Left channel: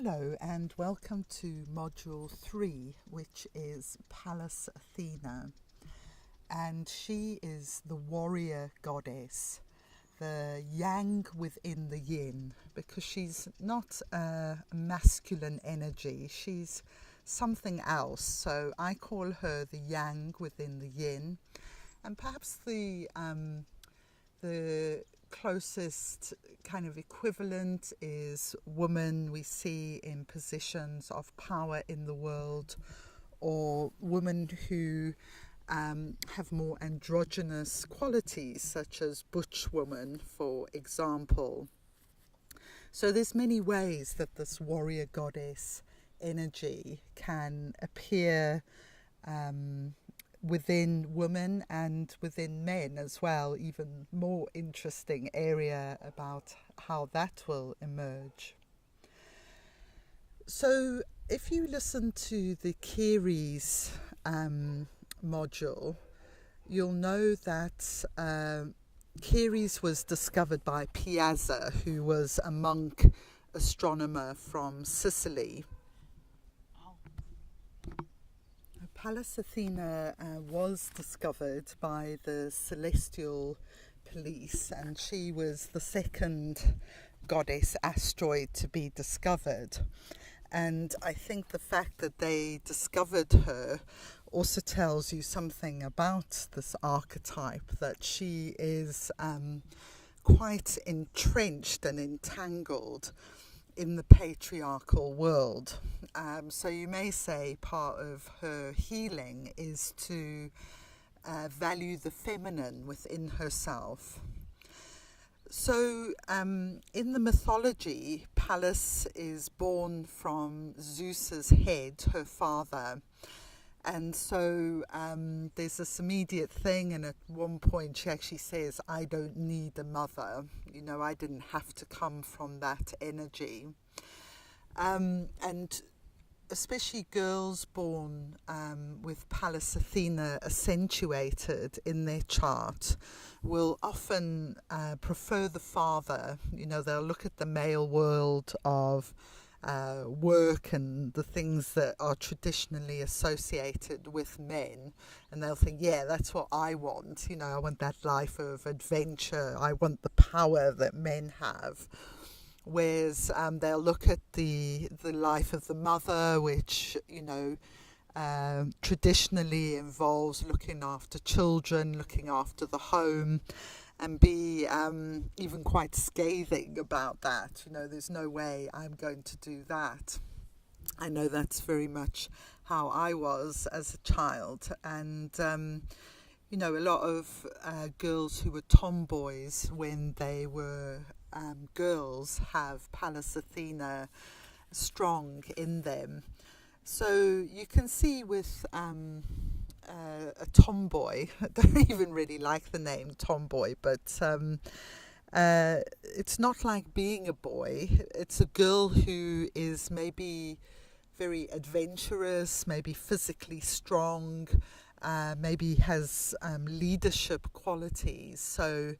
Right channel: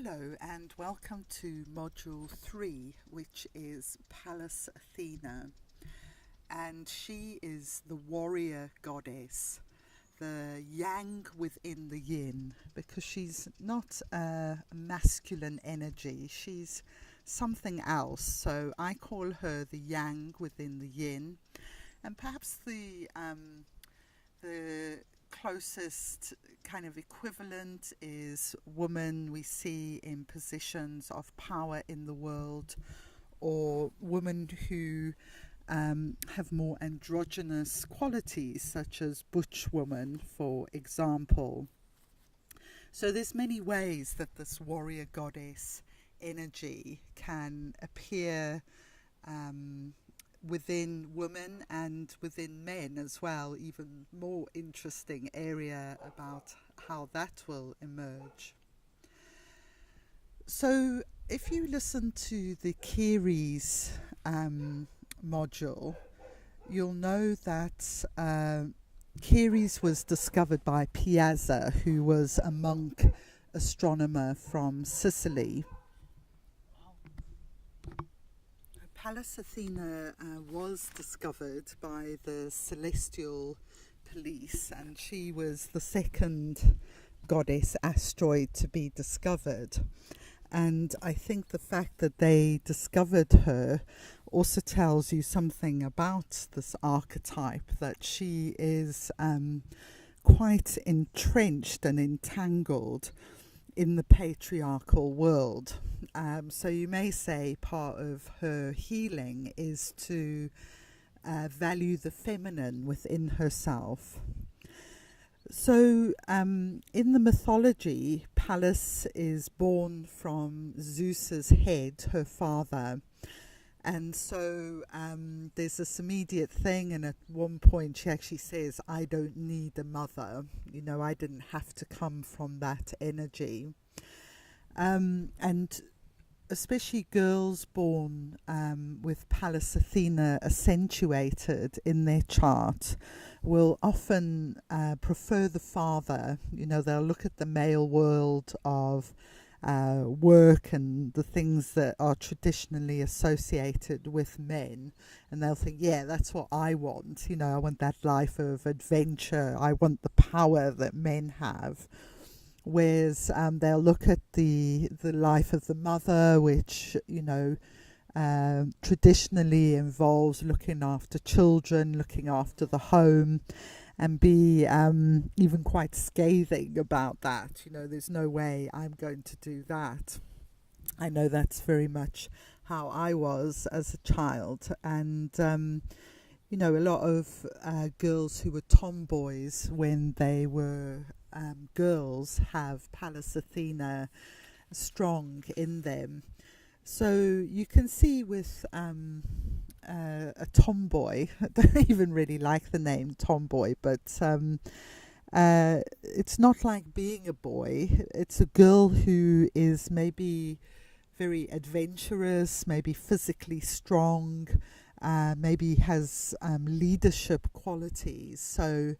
Hello and welcome to Module 3, which is Pallas Athena. And she is the warrior goddess, the yang within the yin, because she's not a masculine energy, she's something else. So I call her the yang within the yin. And perhaps the closest kind of equivalent is women we see in positions of power in the world, or women who have more androgynous qualities, such as butch woman, for example. So there's many ways that this warrior goddess energy can appear within women and within men as well. Even more interesting area about how that will emerge. So if you listen to the Keres module, you'll know that Keres was discovered by Piazza, who was a monk astronomer from Sicily. Pallas Athena was discovered by the celestial police, and she was the second goddess asteroid to be discovered. And I think the fact that they discovered her also tells you something about this archetype, that she is quite entrenched and entangled in the patriarchal world. So you may say part of her healing is to value the feminine within herself. So in the mythology, Pallas is born from Zeus's head, her father. And so there's this immediate thing, and at one point she actually says, I don't need a mother. You know, I didn't have to come from that energy. And especially girls born with Pallas Athena accentuated in their chart will often prefer the father. You know, they'll look at the male world of work and the things that are traditionally associated with men, and they'll think, yeah, that's what I want. You know, I want that life of adventure. I want the power that men have. Whereas they'll look at the life of the mother, which, you know, traditionally involves looking after children, looking after the home, and be even quite scathing about that. You know, there's no way I'm going to do that. I know that's very much how I was as a child. And, you know, a lot of girls who were tomboys when they were girls have Pallas Athena strong in them. So you can see with a tomboy, I don't even really like the name tomboy, but it's not like being a boy. It's a girl who is maybe very adventurous, maybe physically strong, maybe has leadership qualities. So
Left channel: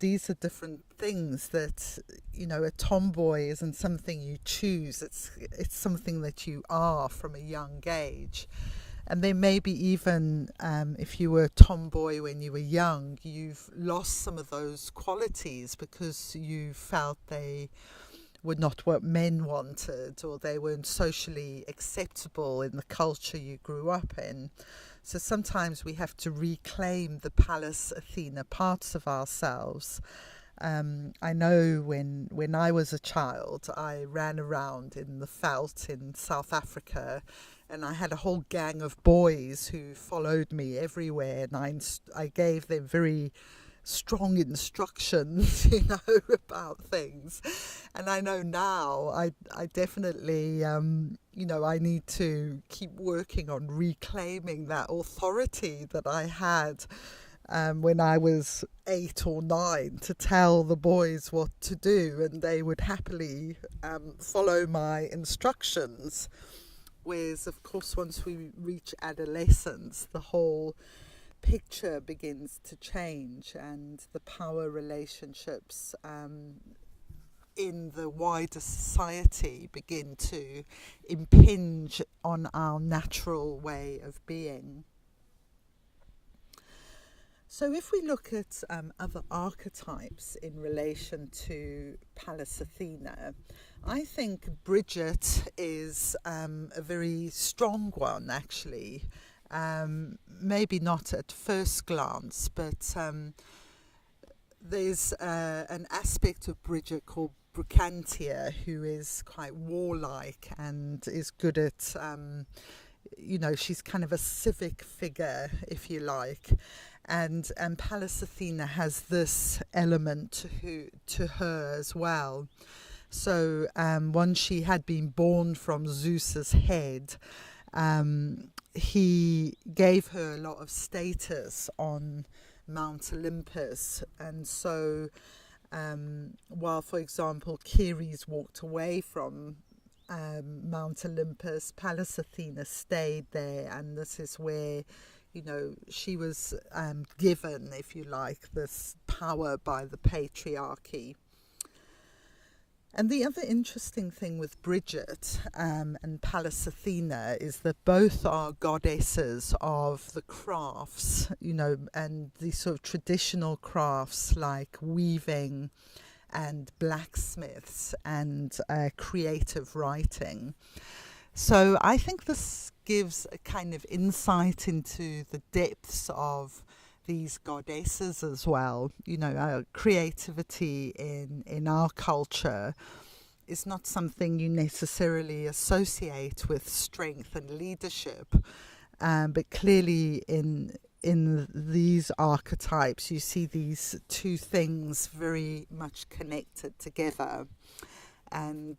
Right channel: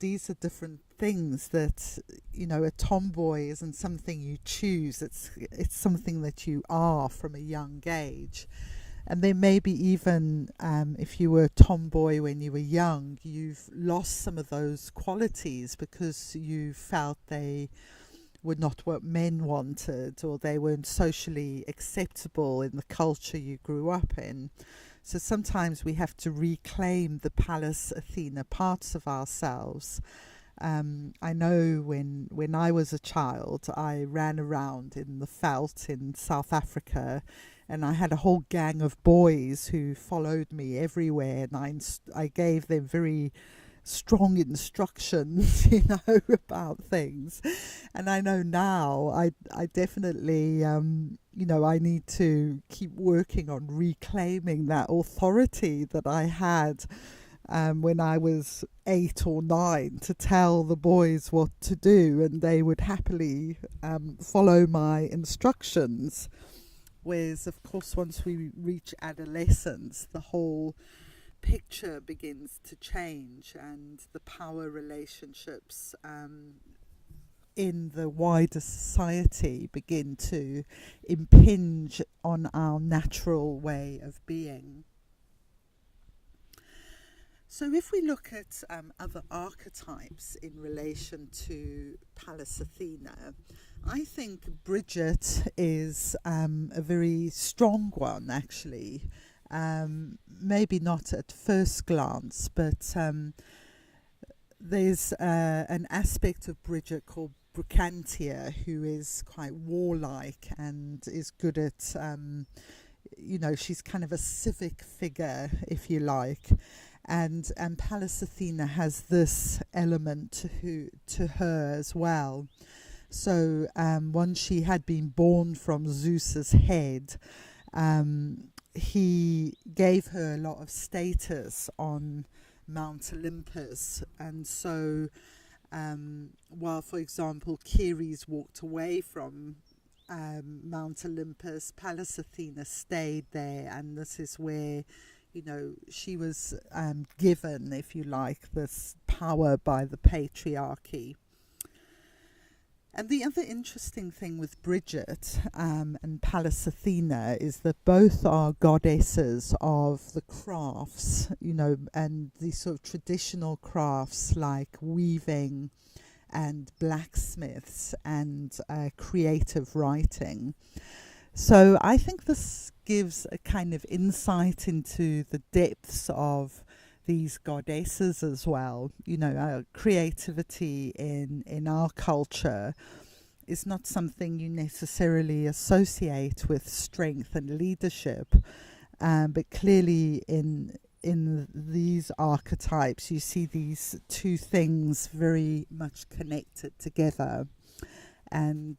these are different things that, you know, a tomboy isn't something you choose. It's something that you are from a young age. And then maybe even if you were a tomboy when you were young, you've lost some of those qualities because you felt they were not what men wanted, or they weren't socially acceptable in the culture you grew up in. So sometimes we have to reclaim the Pallas Athena parts of ourselves. I know when I was a child, I ran around in the veldt in South Africa, and I had a whole gang of boys who followed me everywhere, and I gave them very strong instructions, you know, about things. And I know now I definitely, you know, I need to keep working on reclaiming that authority that I had when I was 8 or 9, to tell the boys what to do, and they would happily follow my instructions. Whereas, of course, once we reach adolescence, the whole picture begins to change, and the power relationships in the wider society begin to impinge on our natural way of being. So if we look at other archetypes in relation to Pallas Athena, I think Bridget is a very strong one, actually. Maybe not at first glance, but there's an aspect of Bridget called Brucantia, who is quite warlike and is good at, she's kind of a civic figure, if you like. And Pallas Athena has this element to her as well. So once she had been born from Zeus's head, he gave her a lot of status on Mount Olympus. And so while, for example, Ceres walked away from Mount Olympus, Pallas Athena stayed there, and this is where she was given, if you like, this power by the patriarchy. And the other interesting thing with Bridget and Pallas Athena is that both are goddesses of the crafts, and the sort of traditional crafts like weaving and blacksmiths and creative writing. So I think this gives a kind of insight into the depths of these goddesses as well. Creativity in our culture is not something you necessarily associate with strength and leadership, but clearly in these archetypes you see these two things very much connected together, and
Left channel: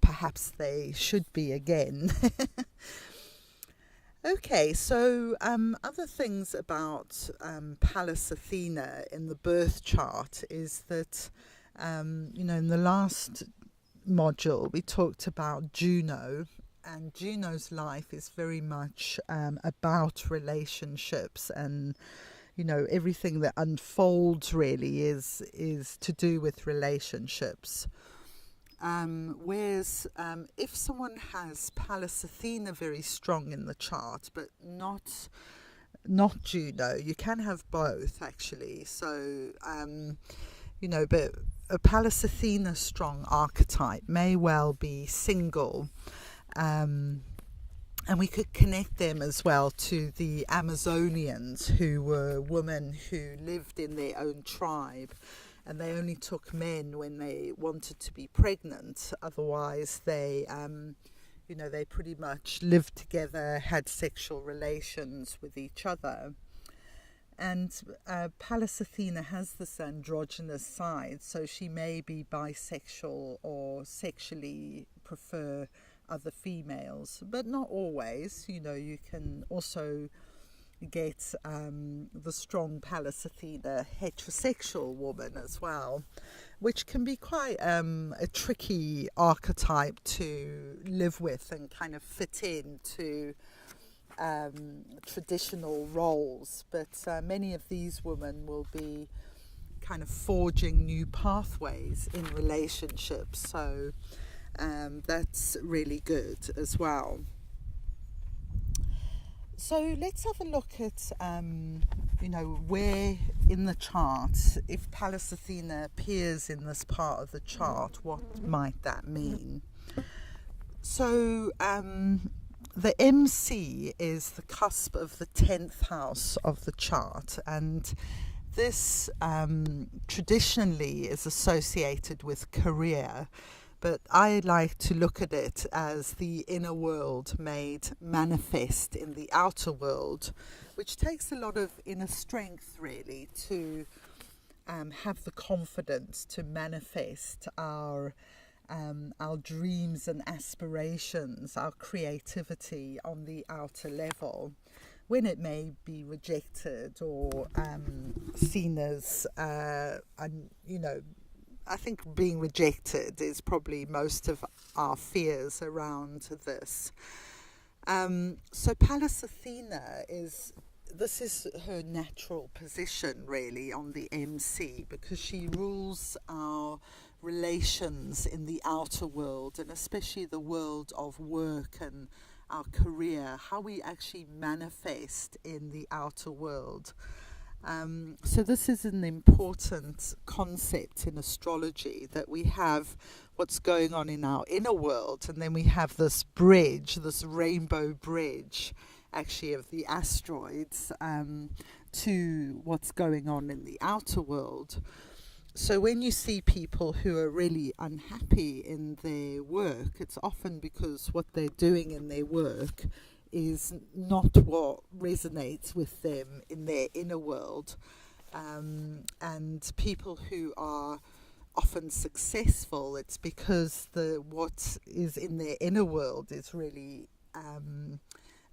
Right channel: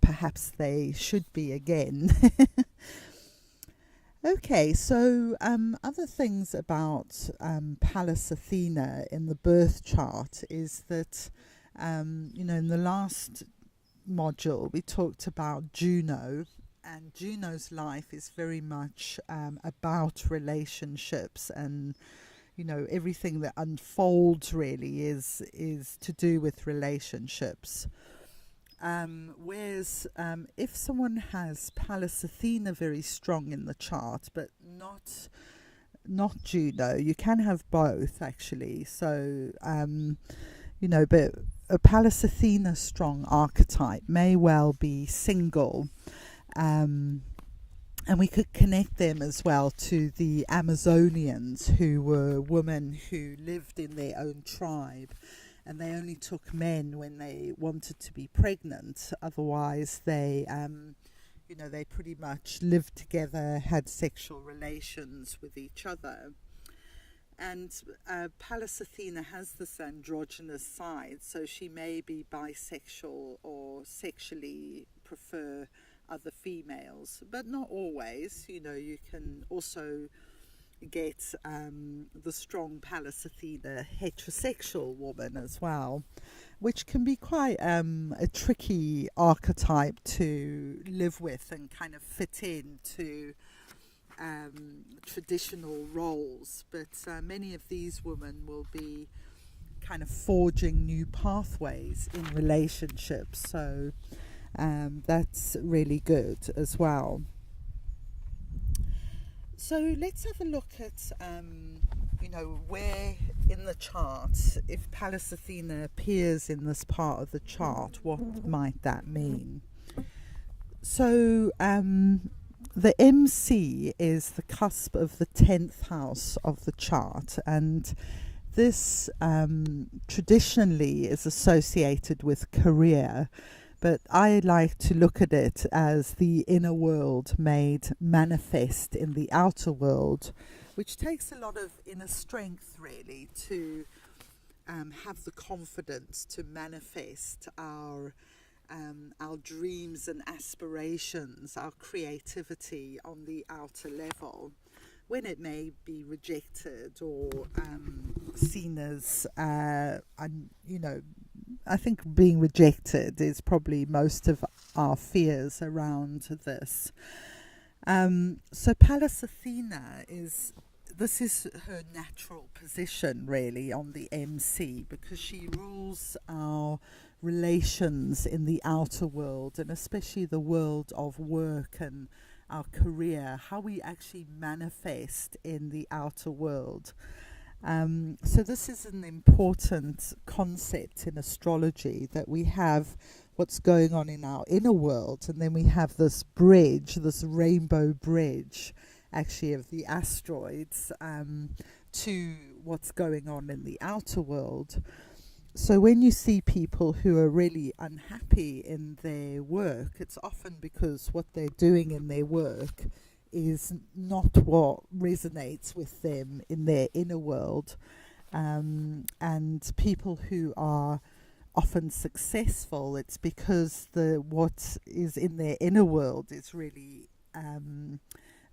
perhaps they should be again. Okay, so other things about Pallas Athena in the birth chart is that, in the last module we talked about Juno, and Juno's life is very much about relationships, and, everything that unfolds really is to do with relationships. Whereas if someone has Pallas Athena very strong in the chart, but not Juno, you can have both actually. So, but a Pallas Athena strong archetype may well be single. And we could connect them as well to the Amazonians, who were women who lived in their own tribe. And they only took men when they wanted to be pregnant. Otherwise, they pretty much lived together, had sexual relations with each other. And Pallas Athena has this androgynous side, so she may be bisexual or sexually prefer other females, but not always. You can also get the strong Pallas Athena heterosexual woman as well, which can be quite a tricky archetype to live with and kind of fit into traditional roles. But many of these women will be kind of forging new pathways in relationships, so that's really good as well. So let's have a look at, where in the chart, if Pallas Athena appears in this part of the chart, what might that mean? So the MC is the cusp of the 10th house of the chart, and this traditionally is associated with career. But I like to look at it as the inner world made manifest in the outer world, which takes a lot of inner strength really to have the confidence to manifest our dreams and aspirations, our creativity on the outer level, when it may be rejected or seen as, I think being rejected is probably most of our fears around this. So Pallas Athena this is her natural position really on the MC, because she rules our relations in the outer world, and especially the world of work and our career, how we actually manifest in the outer world. So this is an important concept in astrology, that we have what's going on in our inner world, and then we have this bridge, this rainbow bridge, actually, of the asteroids to what's going on in the outer world. So when you see people who are really unhappy in their work, it's often because what they're doing in their work is not what resonates with them in their inner world. And people who are often successful, it's because what is in their inner world is really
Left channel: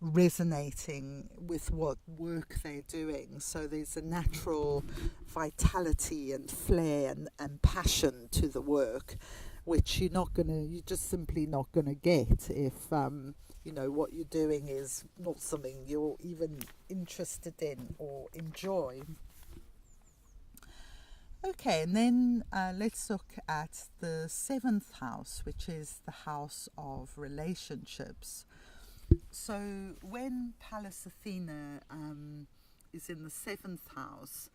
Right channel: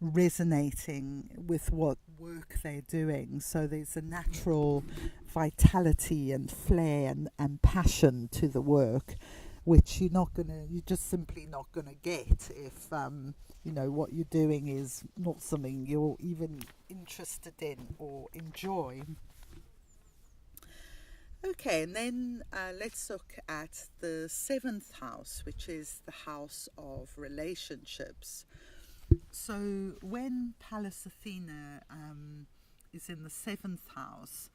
resonating with what work they're doing. So there's a natural vitality and flair and passion to the work, which you're just simply not gonna get if what you're doing is not something you're even interested in or enjoy. Okay, and then let's look at the 7th house, which is the house of relationships. So when Pallas Athena is in the 7th house,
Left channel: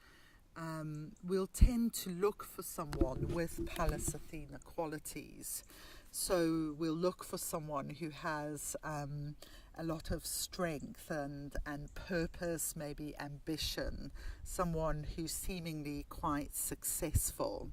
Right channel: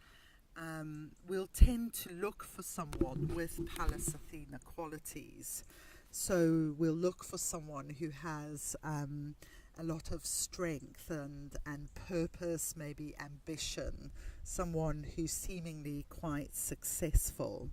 we'll tend to look for someone with Pallas Athena qualities. So we'll look for someone who has a lot of strength and purpose, maybe ambition, someone who's seemingly quite successful.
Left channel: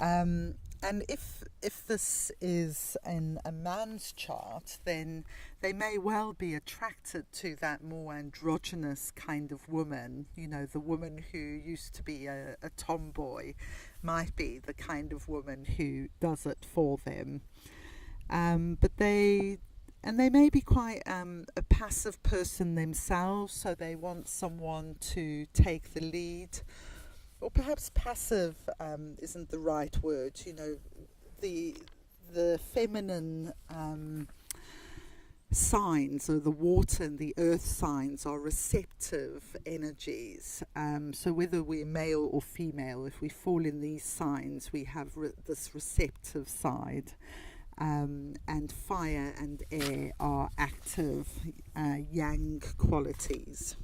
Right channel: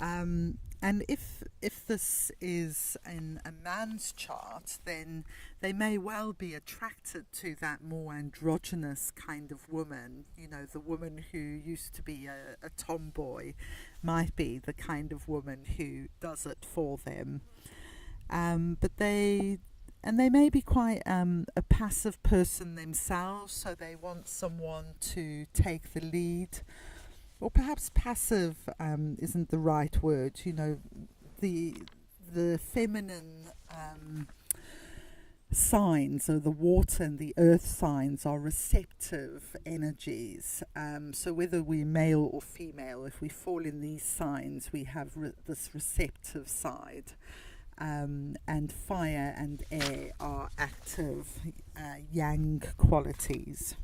And if this is in a man's chart, then they may well be attracted to that more androgynous kind of woman. The woman who used to be a tomboy might be the kind of woman who does it for them. But they may be quite a passive person themselves, so they want someone to take the lead. Or perhaps passive isn't the right word. The feminine signs, or the water and the earth signs, are receptive energies. So whether we're male or female, if we fall in these signs, we have this receptive side. And fire and air are active yang qualities.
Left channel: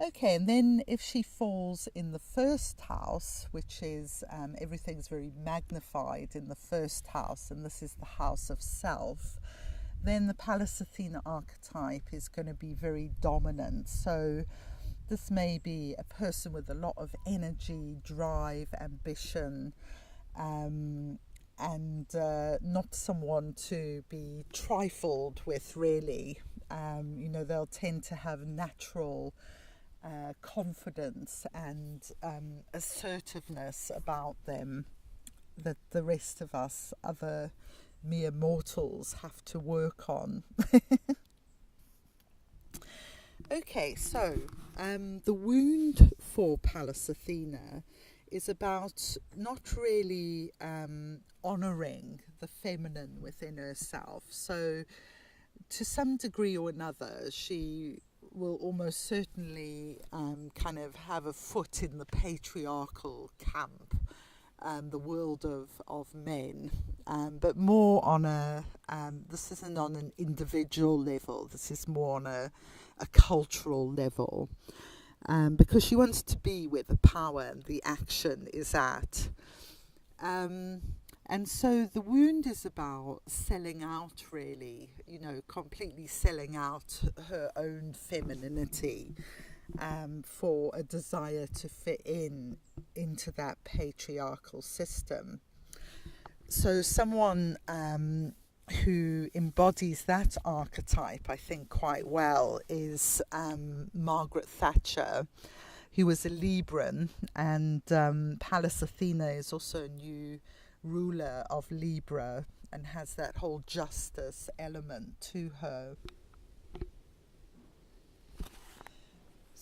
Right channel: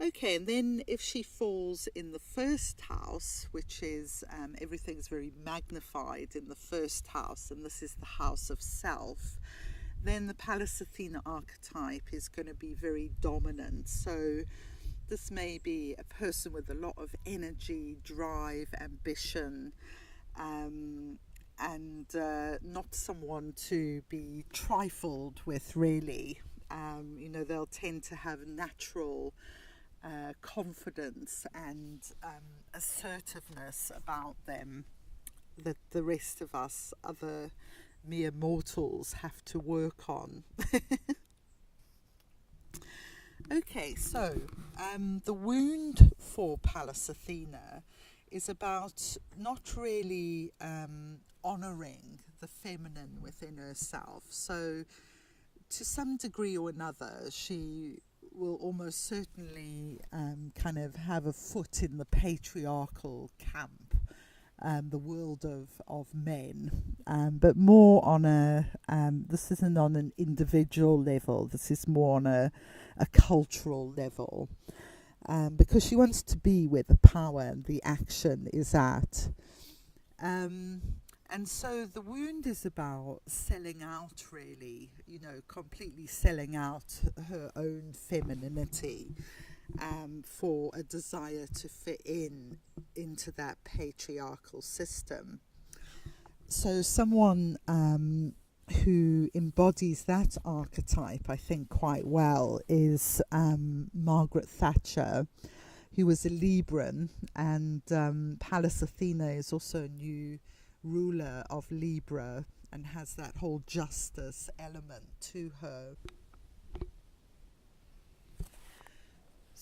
Okay, and then if she falls in the 1st house, which is everything's very magnified in the 1st house, and this is the house of self, then the Pallas Athena archetype is going to be very dominant. So this may be a person with a lot of energy, drive, ambition, and not someone to be trifled with, really. They'll tend to have natural confidence and assertiveness about them that the rest of us, other mere mortals, have to work on. Okay, so the wound for Pallas Athena is about not really honouring the feminine within herself. So to some degree or another, she will almost certainly kind of have a foot in the patriarchal camp, the world of men, but more on this isn't on an individual level, this is more on a cultural level, because she wants to be where the power and the action is at. And so the wound is about selling out, really, completely selling out her own femininity for a desire to fit into that patriarchal system. So someone who embodies that archetype, I think, quite well is Margaret Thatcher, who was a Libran, and Pallas Athena is also a new ruler of Libra and has that whole justice element to her.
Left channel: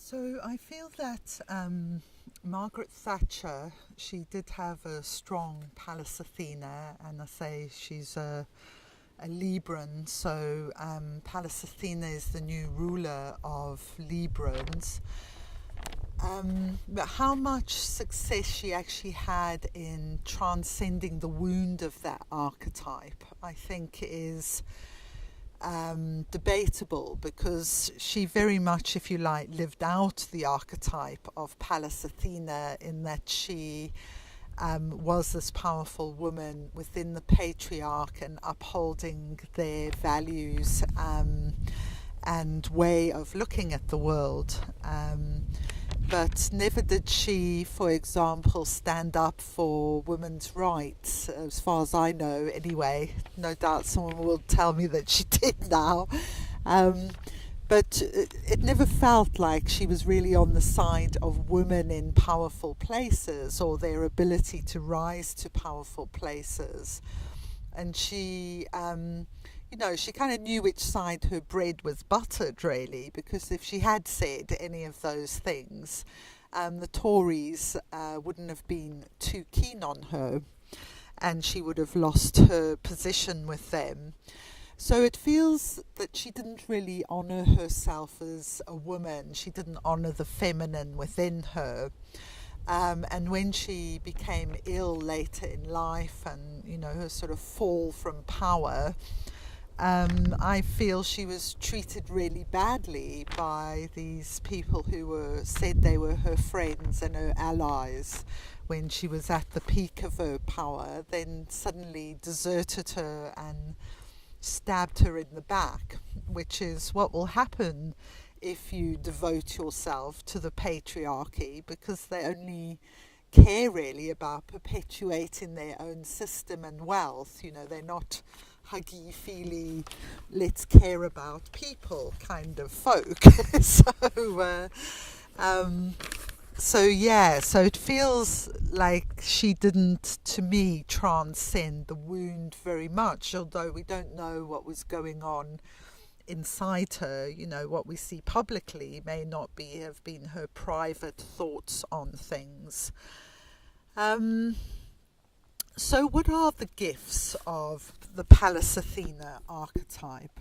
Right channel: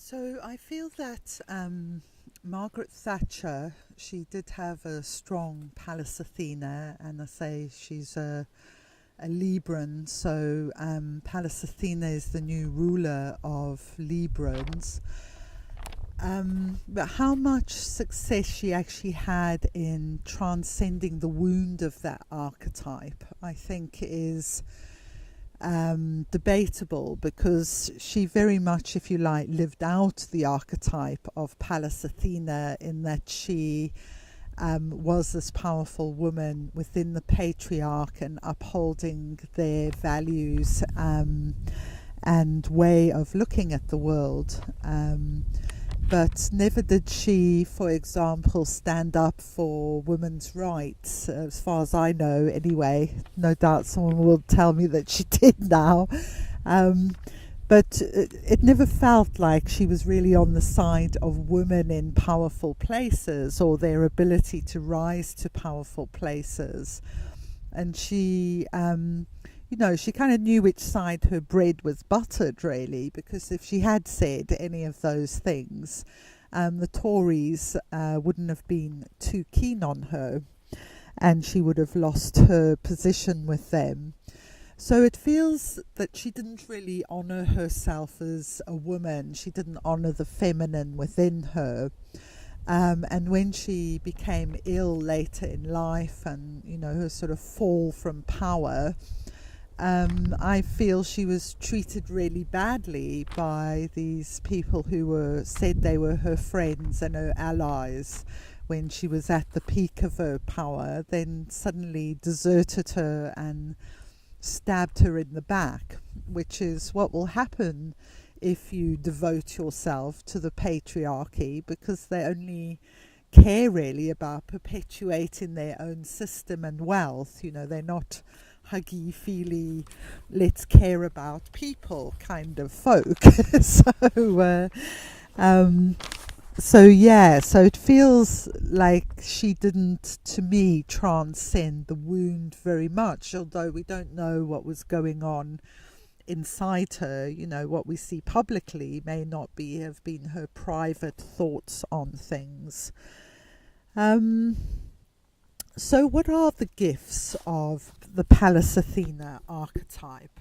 So I feel that Margaret Thatcher, she did have a strong Pallas Athena, and I say she's a Libran, so Pallas Athena is the new ruler of Librans. But how much success she actually had in transcending the wound of that archetype, I think, is debatable, because she very much, if you like, lived out the archetype of Pallas Athena, in that she was this powerful woman within the patriarch and upholding their values and way of looking at the world. But never did she, for example, stand up for women's rights, as far as I know anyway. No doubt someone will tell me that she did now. But it never felt like she was really on the side of women in powerful places, or their ability to rise to powerful places. And she, she kind of knew which side her bread was buttered, really, because if she had said any of those things, the Tories wouldn't have been too keen on her, and she would have lost her position with them. So it feels that she didn't really honour herself as a woman. She didn't honour the feminine within her. And when she became ill later in life, and her sort of fall from power, I feel she was treated really badly by these people who said they were her friends and her allies when she was at the peak of her power, then suddenly deserted her and stabbed her in the back, which is what will happen if you devote yourself to the patriarchy, because they only care really about perpetuating their own system and wealth. They're not huggy feely, let's care about people kind of folk. So it feels like she didn't, to me, transcend the wound very much, although we don't know what was going on inside her. What we see publicly may not have been her private thoughts on things. So what are the gifts of the Pallas Athena archetype?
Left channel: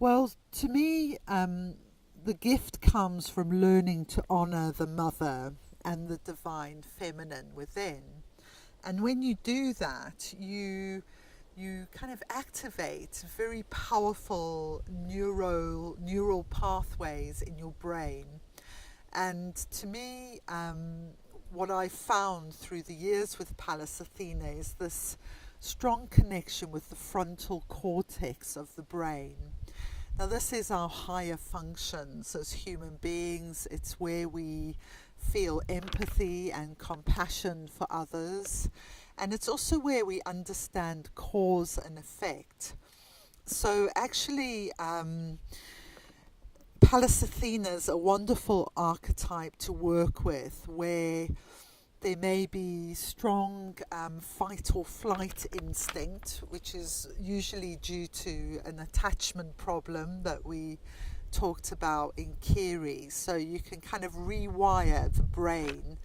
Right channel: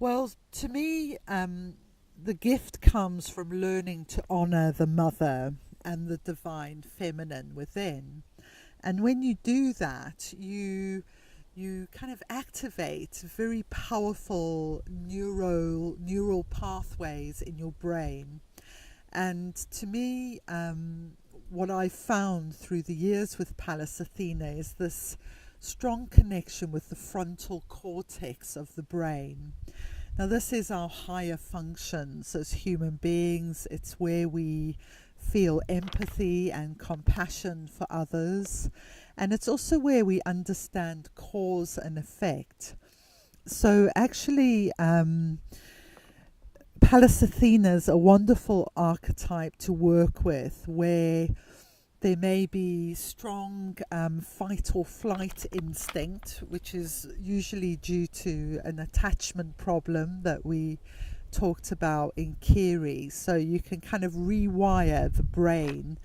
Well, to me, the gift comes from learning to honour the mother and the divine feminine within. And when you do that, you kind of activate very powerful neural pathways in your brain. And to me, what I found through the years with Pallas Athena is this strong connection with the frontal cortex of the brain. Now, this is our higher functions as human beings. It's where we feel empathy and compassion for others. And it's also where we understand cause and effect. So actually, Pallas Athena is a wonderful archetype to work with, where there may be strong fight or flight instinct, which is usually due to an attachment problem that we talked about in Kiri. So you can kind of rewire the brain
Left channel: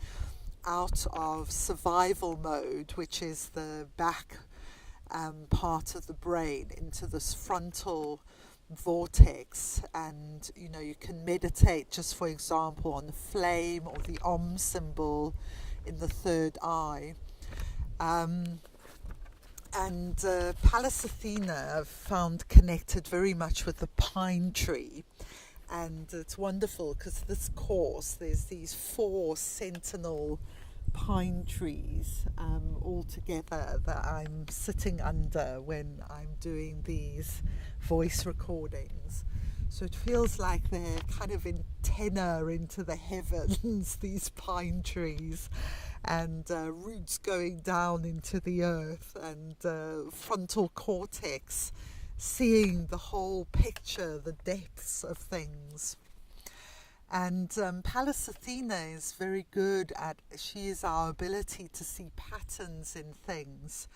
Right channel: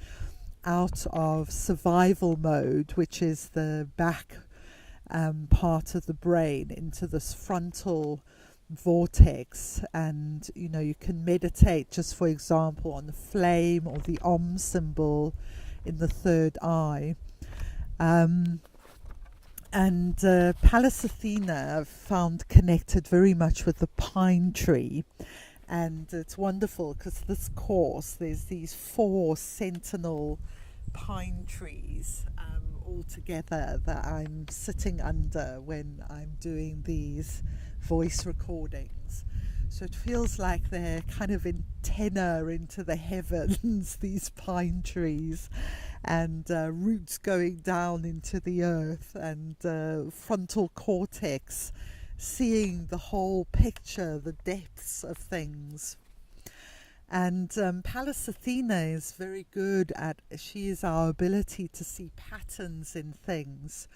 out of survival mode, which is the back part of the brain, into this frontal vortex. And you can meditate, just for example, on the flame or the Om symbol in the third eye. Pallas Athena I've found connected very much with the pine tree, and it's wonderful because this course, there's these 4 sentinel pine trees all together that I'm sitting under when I'm doing these voice recordings. So it feels like they're kind of antenna into the heavens, these pine trees, and roots going down into the earth, and frontal cortex seeing the whole picture, the depths of things. And Pallas Athena is very good at, she is our ability to see patterns in things.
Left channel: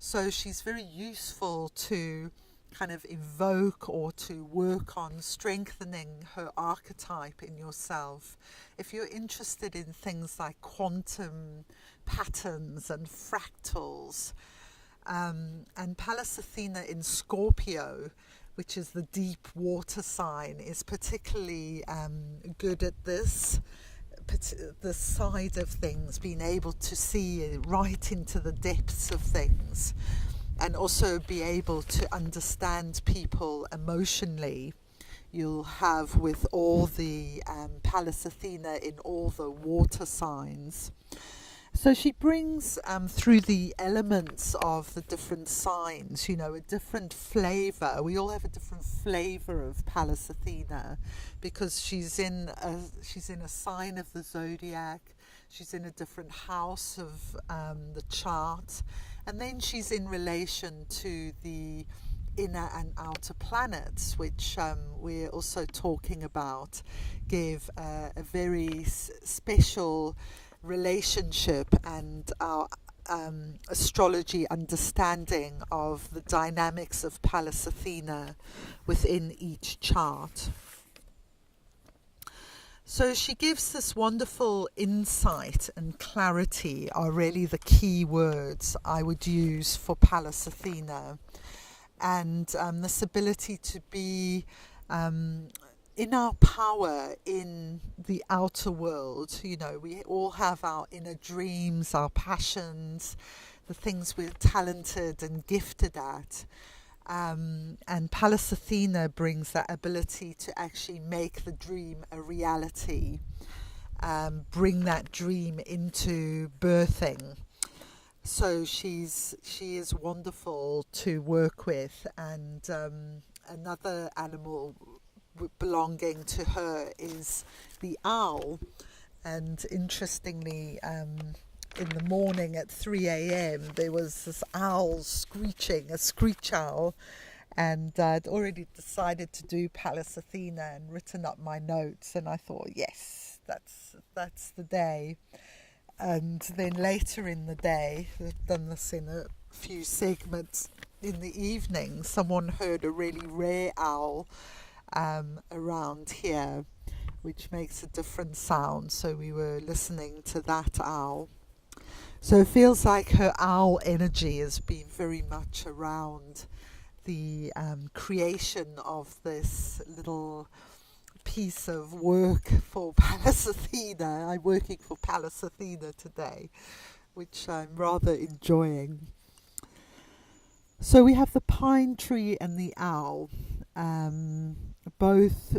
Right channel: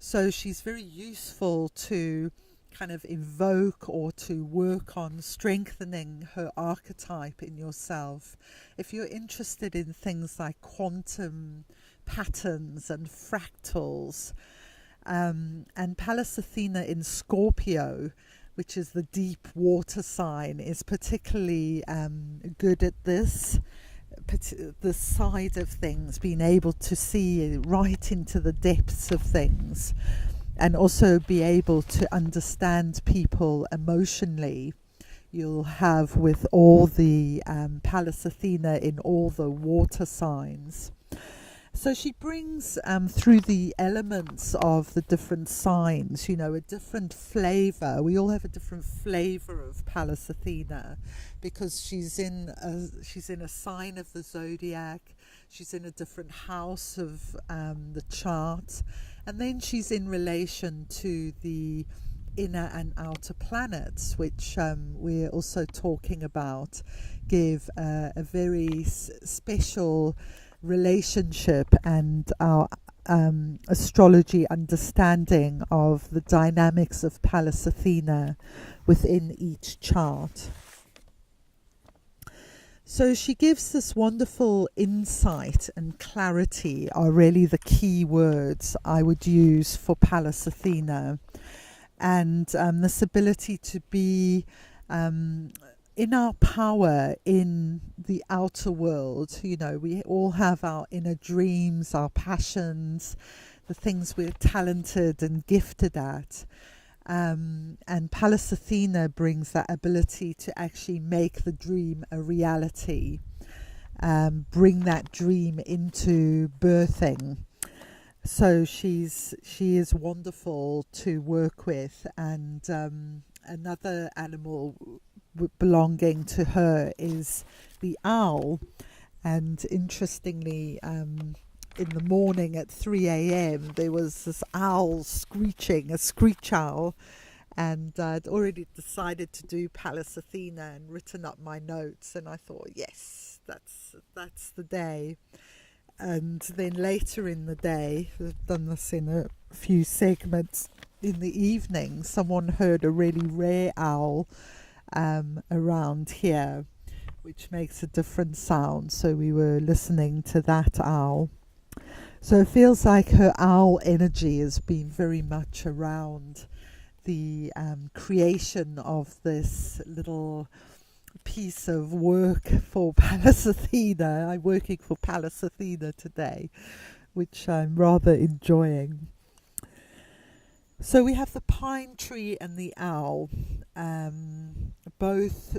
So she's very useful to kind of evoke or to work on strengthening her archetype in yourself. If you're interested in things like quantum patterns and fractals, and Pallas Athena in Scorpio, which is the deep water sign, is particularly good at this. the side of things, being able to see right into the depths of things, and also be able to understand people emotionally. You'll have with all the Pallas Athena in all the water signs. So she brings through the elements of the different signs, a different flavour. We all have a different flavour of Pallas Athena, because she's in a sign of the zodiac. She's in a different house of the chart, and then she's in relation to the inner and outer planets, which we're also talking about, give a very special relationship and our astrology understanding of the dynamics of Pallas Athena within each chart. So she gives this wonderful insight and clarity are really the key words I would use for Pallas Athena, and this ability to be in our power in the outer world. We all have our inner dreams, our passions, the things we're talented and gifted at. And Pallas Athena brings that ability to actually make the dream a reality, bring that dream into birthing. So she is wonderful to work with, and another animal belonging to her is the owl. And interestingly, in the morning at 3 a.m. there was this owl screeching, a screech owl, and I'd already decided to do Pallas Athena and written up my notes, and I thought, yes, that's the day. And then later in the day, I've done this in a few segments, in the evening someone heard a really rare owl around here, which makes a different sound, so we were listening to that owl. So it feels like her owl energy has been very much around the creation of this little piece of work for Pallas Athena. I'm working for Pallas Athena today, which I'm rather enjoying. So we have the pine tree and the owl, both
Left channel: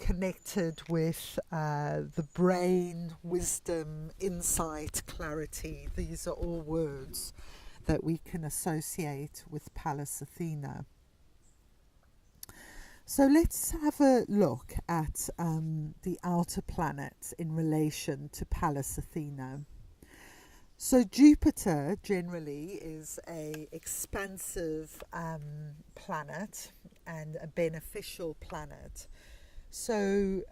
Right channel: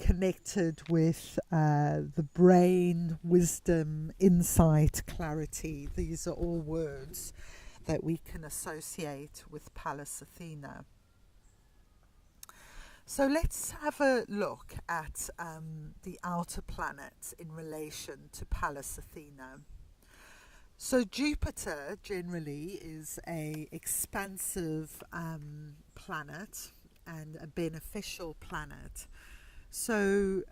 connected with the brain, wisdom, insight, clarity. These are all words that we can associate with Pallas Athena. So let's have a look at the outer planets in relation to Pallas Athena. So Jupiter generally is a expansive planet and a beneficial planet. So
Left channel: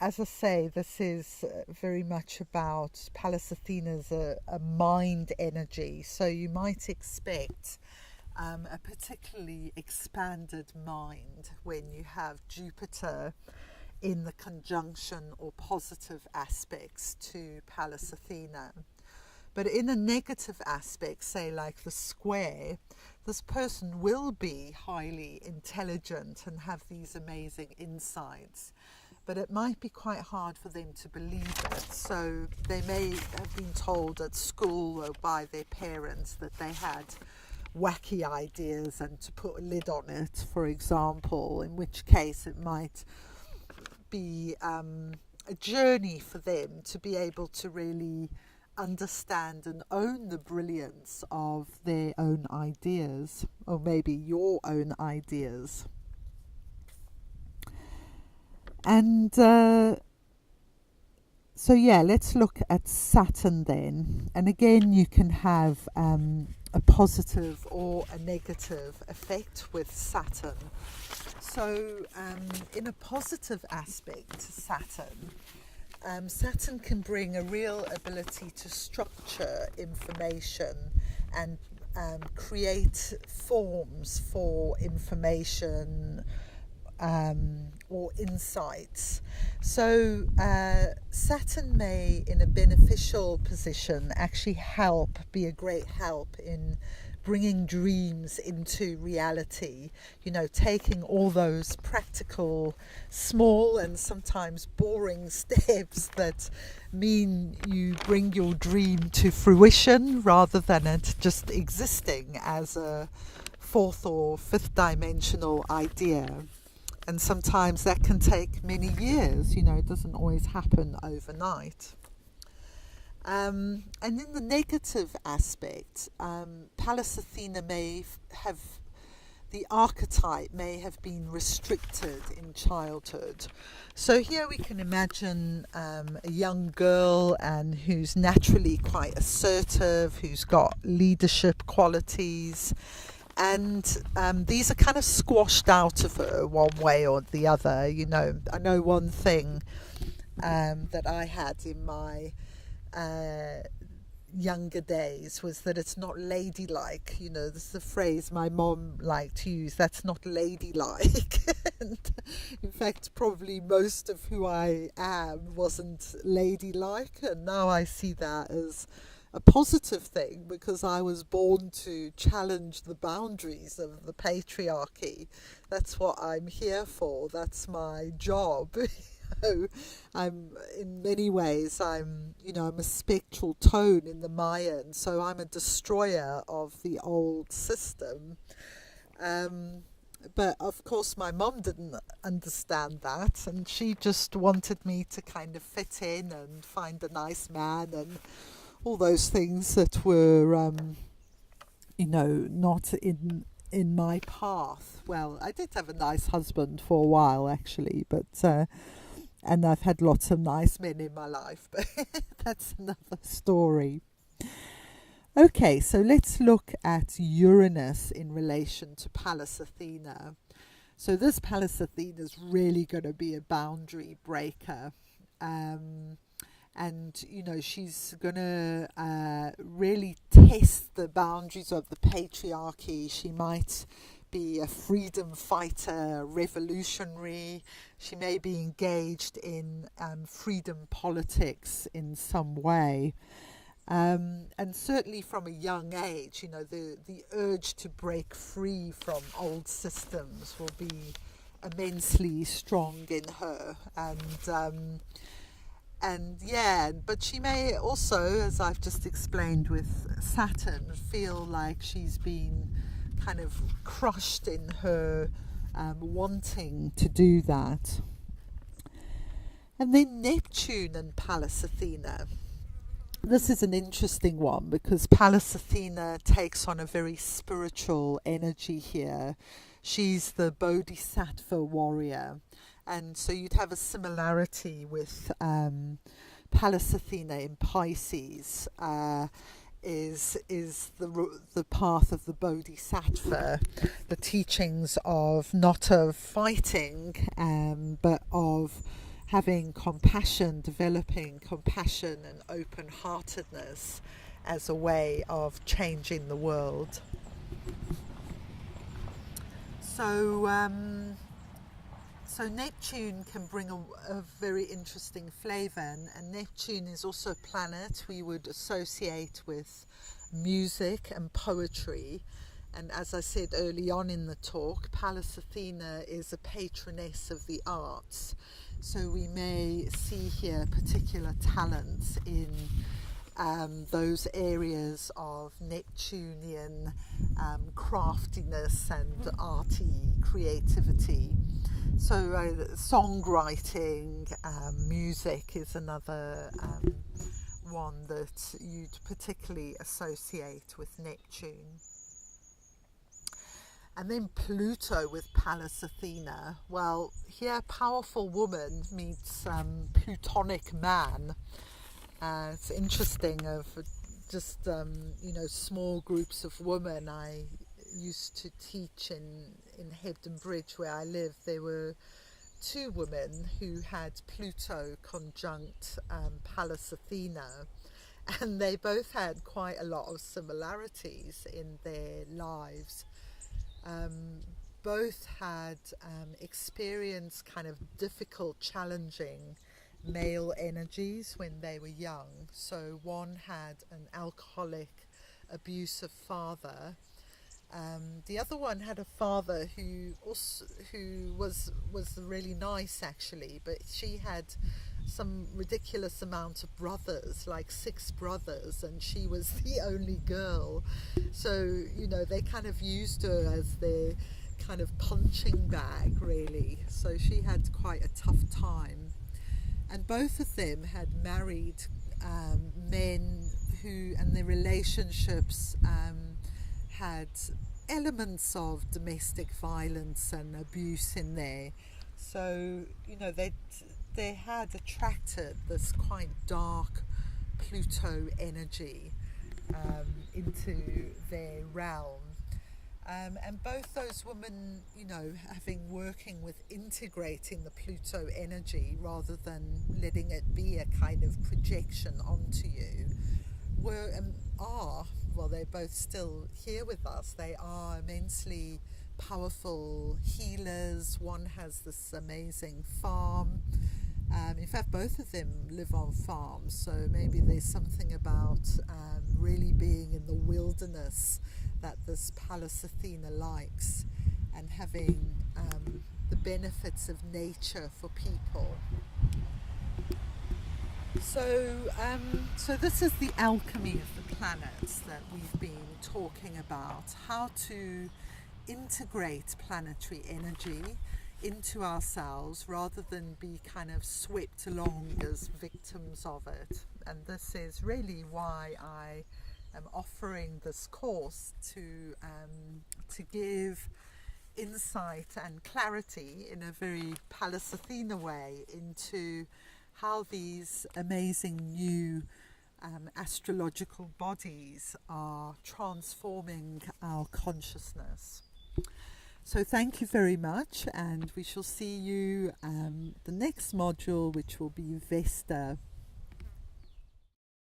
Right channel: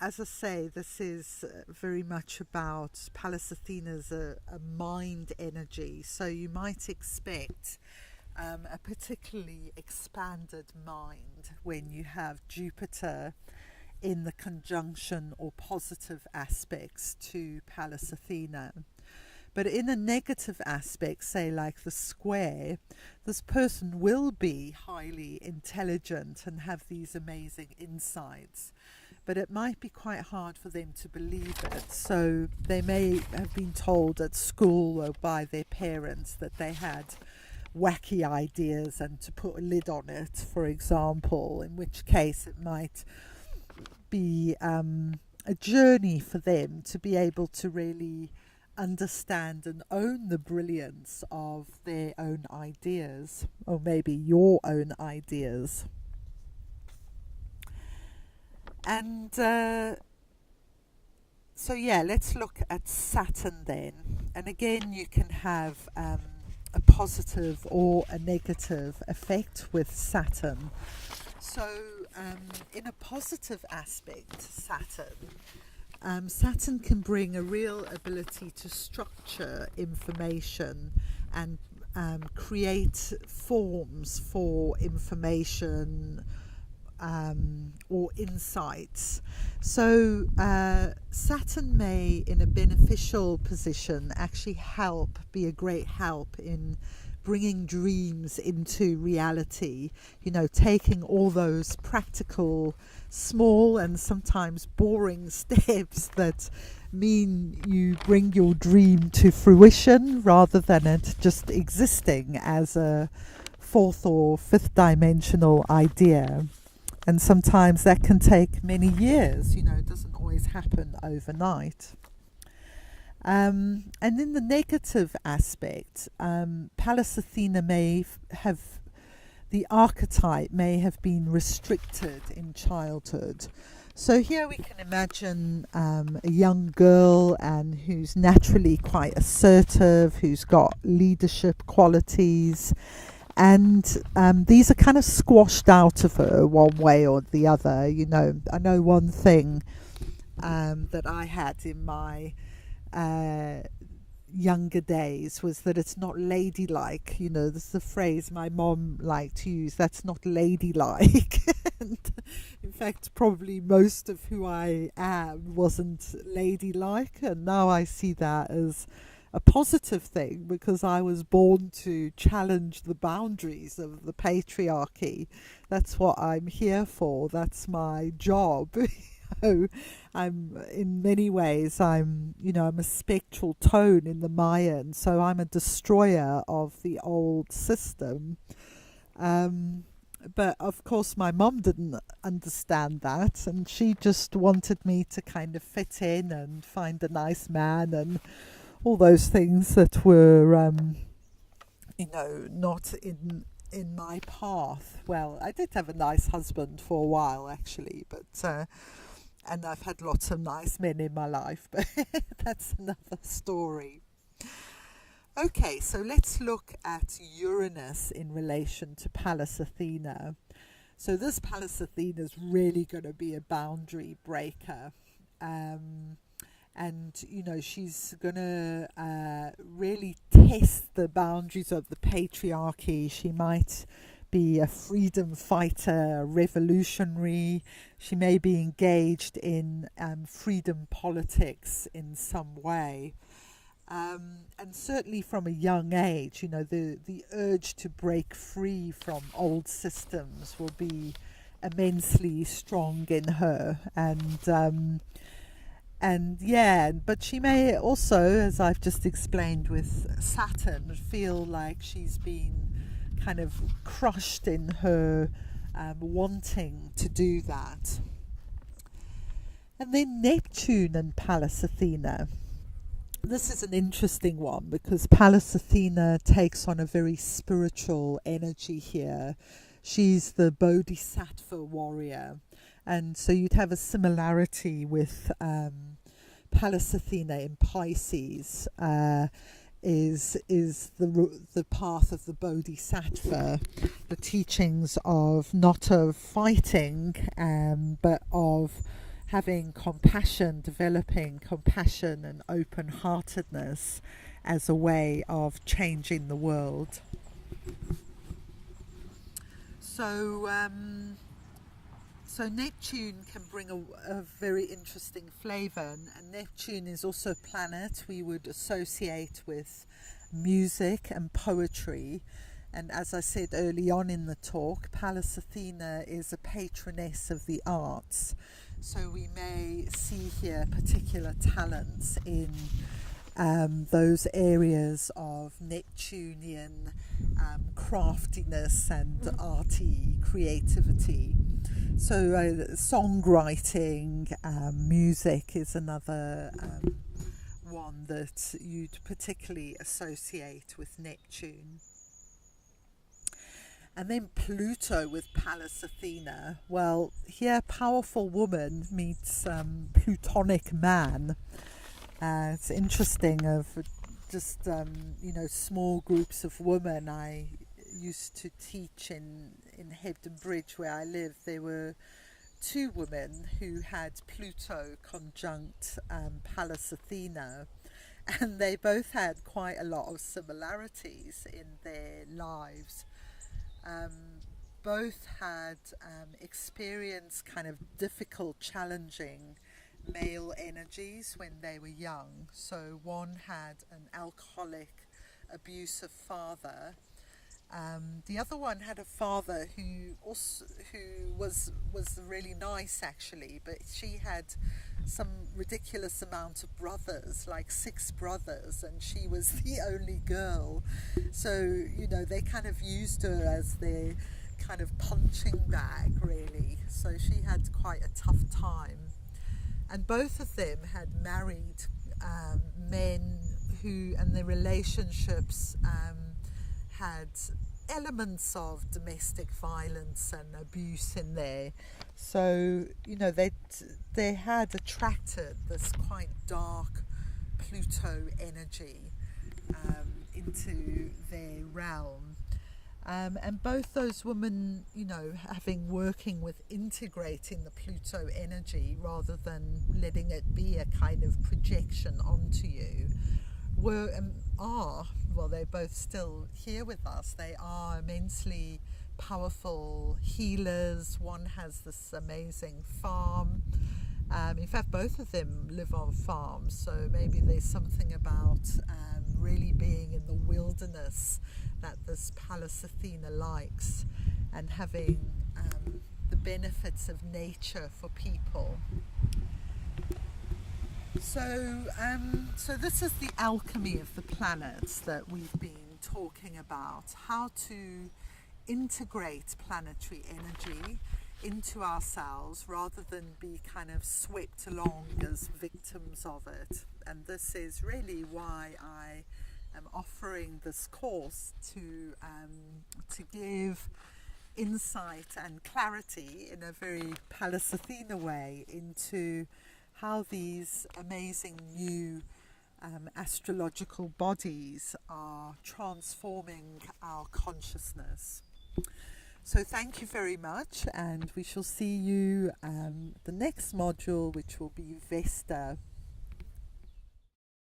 as I say, this is very much about Pallas Athena's a mind energy. So you might expect a particularly expanded mind when you have Jupiter in the conjunction or positive aspects to Pallas Athena. But in a negative aspect, say like the square, this person will be highly intelligent and have these amazing insights, but it might be quite hard for them to believe it. So they may have been told at school or by their parents that they had wacky ideas and to put a lid on it, for example, in which case it might be a journey for them to be able to really understand and own the brilliance of their own ideas, or maybe your own ideas. And so let's look at Saturn then. And again, you can have a positive or a negative effect with Saturn. So in a positive aspect to Saturn, Saturn can bring a real ability to structure information and create forms for information or insights. So Saturn may, in a beneficial position, actually be a great help in bringing dreams into reality, you know, taking all those practical, small and sometimes boring steps that mean you bring your dream to fruition rather than it just existing as a fourth or fifth dimensional idea. And sometimes that can take many years, you know, it doesn't always happen overnight. And in the negative aspect, Pallas Athena the archetype may have been restricted in childhood. So here we can imagine a young girl who's naturally quite assertive, who's got leadership qualities, and these are kind of squashed out of her one way or the other. You know, I know one thing that I had in my younger days was that it's not ladylike. You know, this is the phrase my mom liked to use, that's not ladylike. And in fact, probably most of who I am wasn't ladylike, and now I see that as a positive thing because I was born to challenge the boundaries of the patriarchy. That's what I'm here for, that's my job. I'm in many ways I'm a spectral tone in the Mayan, so I'm a destroyer of the old system. But of course my mum didn't understand that, and she just wanted me to kind of fit in and find a nice man and all those things that were not in my path. Well, I did have a nice husband for a while actually, but and I've had lots of nice men in my life, but that's another story. Okay, so let's look at Uranus in relation to Pallas Athena. So this Pallas Athena is really going to be a boundary breaker. And, she's going to really test the boundaries of the patriarchy. She might be a freedom fighter, a revolutionary. She may be engaged in freedom politics in some way. And certainly from a young age, the urge to break free from old systems will be immensely strong in her. But she may also, as I've just explained with Saturn, feel like she's been kind of crushed in her wanting to do that. And then Neptune and Pallas Athena. This is an interesting one because Pallas Athena takes on a very spiritual energy here. She's the Bodhisattva warrior. And so you'd have a similarity with Pallas Athena in Pisces. Is the path of the Bodhisattva, the teachings of not of fighting, but of having compassion, developing compassion and open-heartedness as a way of changing the world. So Neptune can bring a very interesting flavour, and Neptune is also a planet we would associate with music and poetry. And as I said early on in the talk, Pallas Athena is a patroness of the arts. So we may see here particular talents in those areas of Neptunian craftiness and arty creativity. So songwriting, music is another one that you'd particularly associate with Neptune. And then Pluto with Pallas Athena. Well, here powerful woman meets plutonic man. It's interesting of just, small groups of women. I used to teach in Hebden Bridge where I live. There were two women who had Pluto conjunct Pallas Athena, and they both had quite a lot of similarities in their lives. Both had experienced kind of difficult, challenging male energies when they were young. So one had an alcoholic abusive father. The other one had a father who was really nice actually, but she had some ridiculous amount of brothers, like 6 brothers, and she was the only girl. So, they kind of used her as their kind of punching bag, really. So she had quite a tough time. And both of them had married men who, and their relationships had elements of domestic violence and abuse in there. So, they had attracted this quite dark Pluto energy into their realm. And both those women, working with integrating the Pluto energy rather than letting it be a kind of projection onto you, were they're both still here with us. They are immensely powerful healers. One has this amazing farm. In fact, both of them live on farms, so maybe there's something about really being in the wilderness that this Pallas Athena likes, and having the benefits of nature for people. So this is the alchemy of the planets that we've been talking about, how to integrate planetary energy into ourselves rather than be kind of swept along as victims of it. And this is really why I am offering this course, to give insight and clarity in a very Pallas Athena way into how these amazing new astrological bodies are transforming our consciousness. So thank you very much, and we shall see you the next module, which will be Vesta.